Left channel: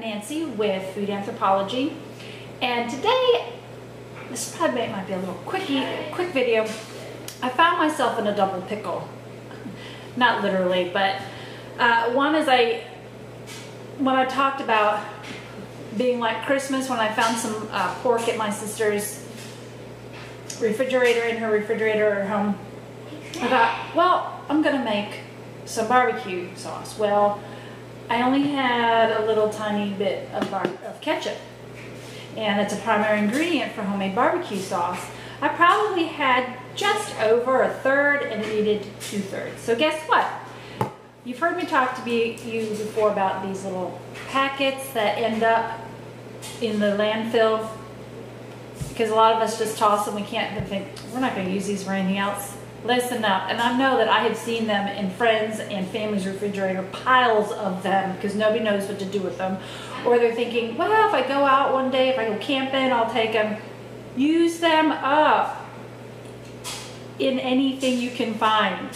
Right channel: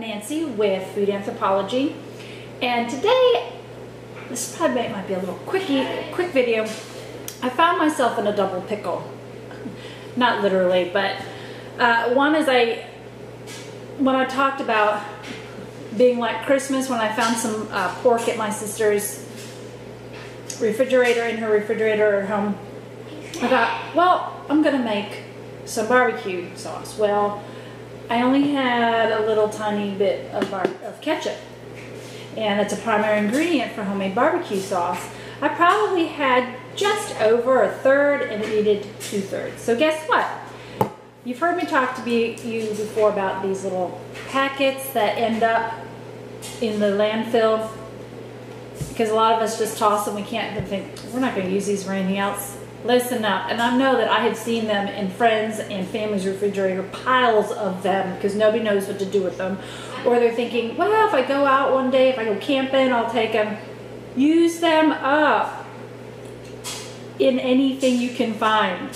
Nancy with Food Anthropology, and today, this probably might be a little quick video. I found myself in a double pickle. Not literally, but one is when I talked about being like Christmas, when I found some pork at my sister's refrigerator, in her refrigerator at home, I thought, well, I'm gonna make some barbecue sauce. Well, I only had a little tiny bit of ketchup, and it's a primary ingredient for homemade barbecue sauce. I probably had just over a third and it needed 2/3. So guess what? You've heard me talk to you before about these little packets that end up in the landfill, because a lot of us just toss them. We can't think, we're not going to use these for anything else. Listen up. And I know that I have seen them in friends and family's refrigerator, piles of them, because nobody knows what to do with them. Or they're thinking, well, if I go out one day, if I go camping, I'll take them. Use them up in anything you can find.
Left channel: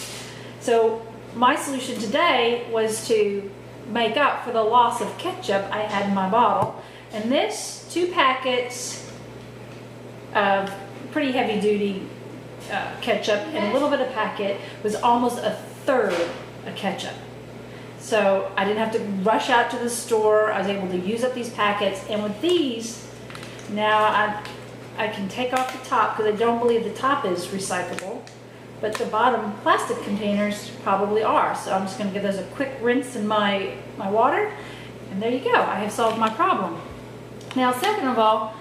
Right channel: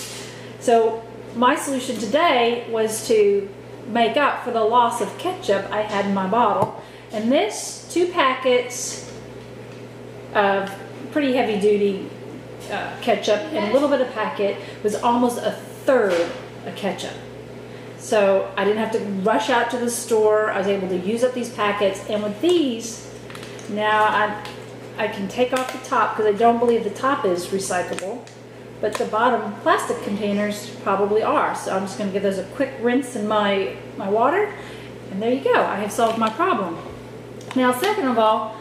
So my solution today was to make up for the loss of ketchup I had in my bottle. And this 2 packets of pretty heavy duty ketchup and a little bit of packet was almost a third of ketchup. So I didn't have to rush out to the store. I was able to use up these packets, and with these, now I can take off the top, because I don't believe the top is recyclable, but the bottom plastic containers probably are. So I'm just going to give those a quick rinse in my water, and there you go. I have solved my problem. Now, second of all,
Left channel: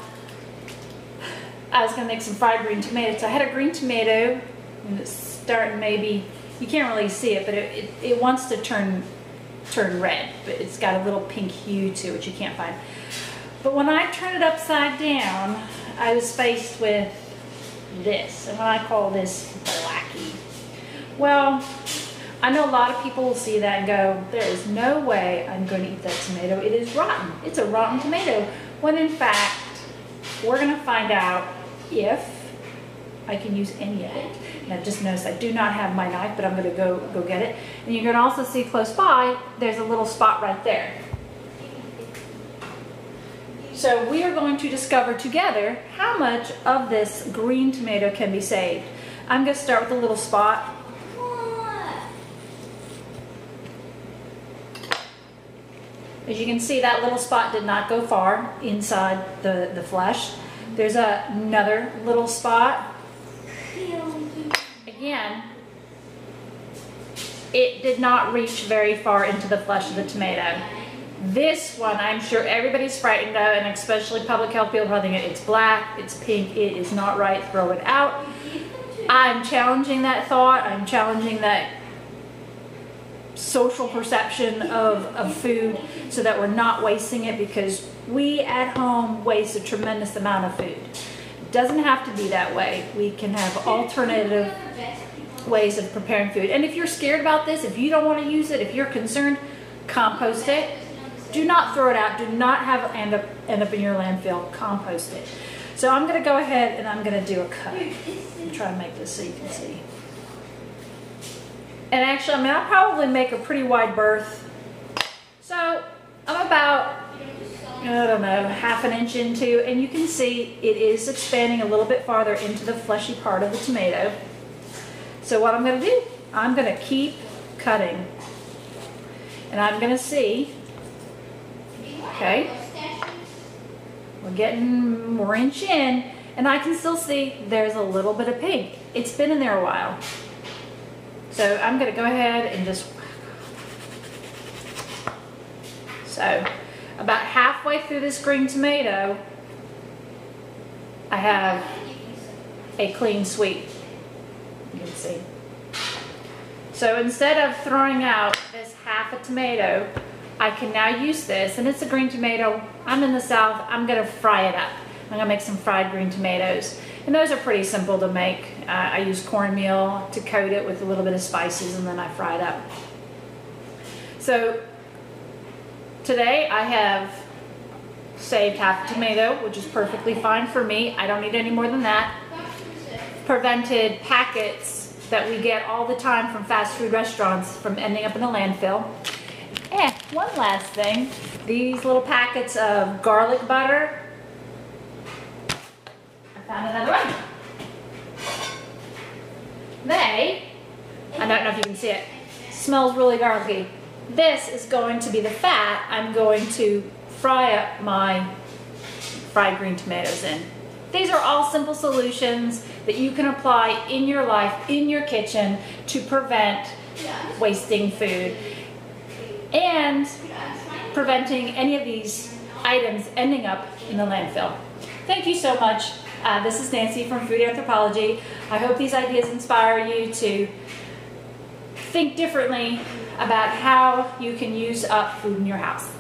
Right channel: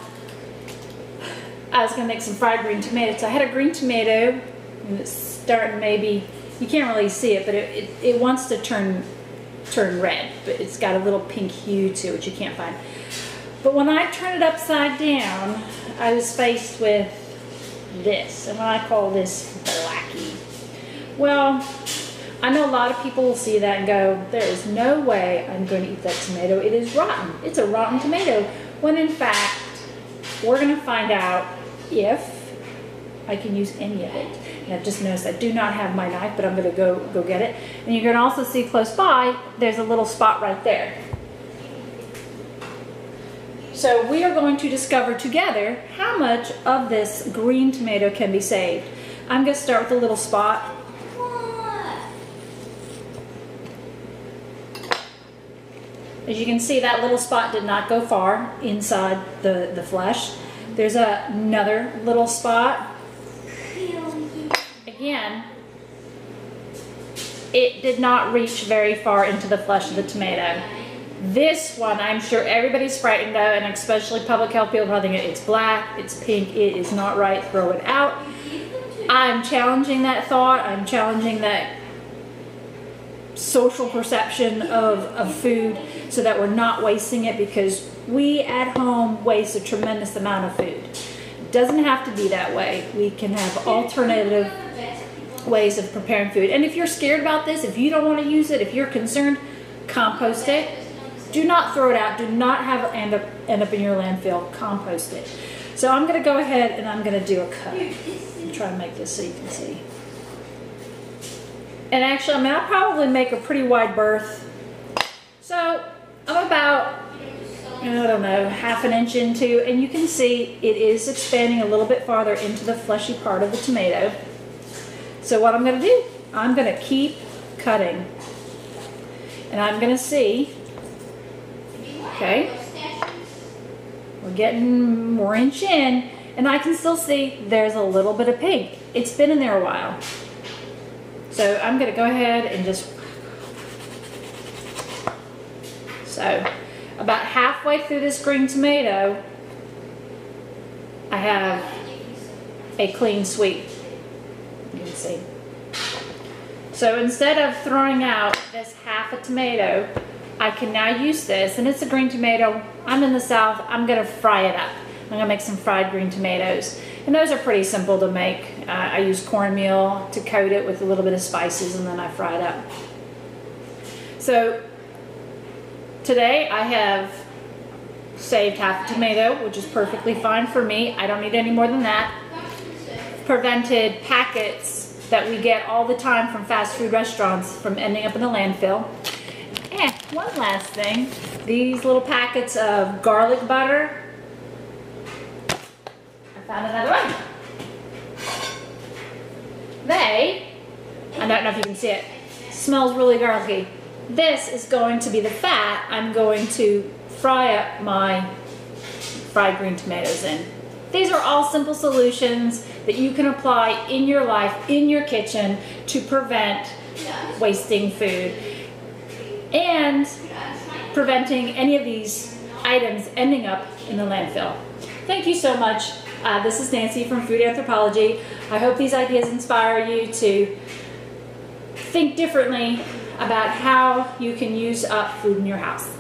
I was going to make some fried green tomatoes. So I had a green tomato, and it's starting, maybe, you can't really see it, but it wants to turn red, but it's got a little pink hue to it you can't find. But when I turn it upside down, I was faced with this, and I call this blacky. Well, I know a lot of people will see that and go, there is no way I'm going to eat that tomato. It is rotten. It's a rotten tomato. When in fact, we're going to find out if I can use any of it. And I've just noticed I do not have my knife, but I'm going to go get it. And you're going to also see close by, there's a little spot right there. So we are going to discover together how much of this green tomato can be saved. I'm going to start with a little spot. As you can see, that little spot did not go far inside the flesh. There's another little spot. Again, it did not reach very far into the flesh of the tomato. This one, I'm sure everybody's frightened of, and especially public health people are thinking it's black, it's pink, it is not right, throw it out. I'm challenging that thought. I'm challenging that social perception of food, so that we're not wasting it, because we at home waste a tremendous amount of food. It doesn't have to be that way. We can have alternative ways of preparing food. And if you're scared about this, if you don't want to use it, if you're concerned, compost it. Do not throw it out. Do not have it end up in your landfill. Compost it. So I'm going to go ahead and I'm going to do a cut. I'm trying to make this so you can see. And actually, I mean, I'll probably make a pretty wide berth. So I'm about, I don't know, ½ an inch into, and you can see it is expanding a little bit farther into the fleshy part of the tomato. So what I'm going to do, I'm going to keep cutting. And I'm going to see, okay, we're an inch in, and I can still see there's a little bit of pink. It's been in there a while. So I'm going to go ahead and just, so about halfway through this green tomato, I have a clean sweep. You can see. So instead of throwing out this half a tomato, I can now use this, and it's a green tomato. I'm in the South. I'm going to fry it up. I'm going to make some fried green tomatoes. And those are pretty simple to make. I use cornmeal to coat it with a little bit of spices, and then I fry it up. So today I have saved half a tomato, which is perfectly fine for me. I don't need any more than that. Prevented packets that we get all the time from fast food restaurants from ending up in a landfill. yeah, one last thing. These little packets of garlic butter. I found another one. I don't know if you can see it, smells really garlicky. This is going to be the fat I'm going to fry up my fried green tomatoes in. These are all simple solutions that you can apply in your life, in your kitchen, to prevent wasting food and preventing any of these items ending up in the landfill. Thank you so much. This is Nancy from Food Anthropology. I hope these ideas inspire you to think differently about how you can use up food in your house.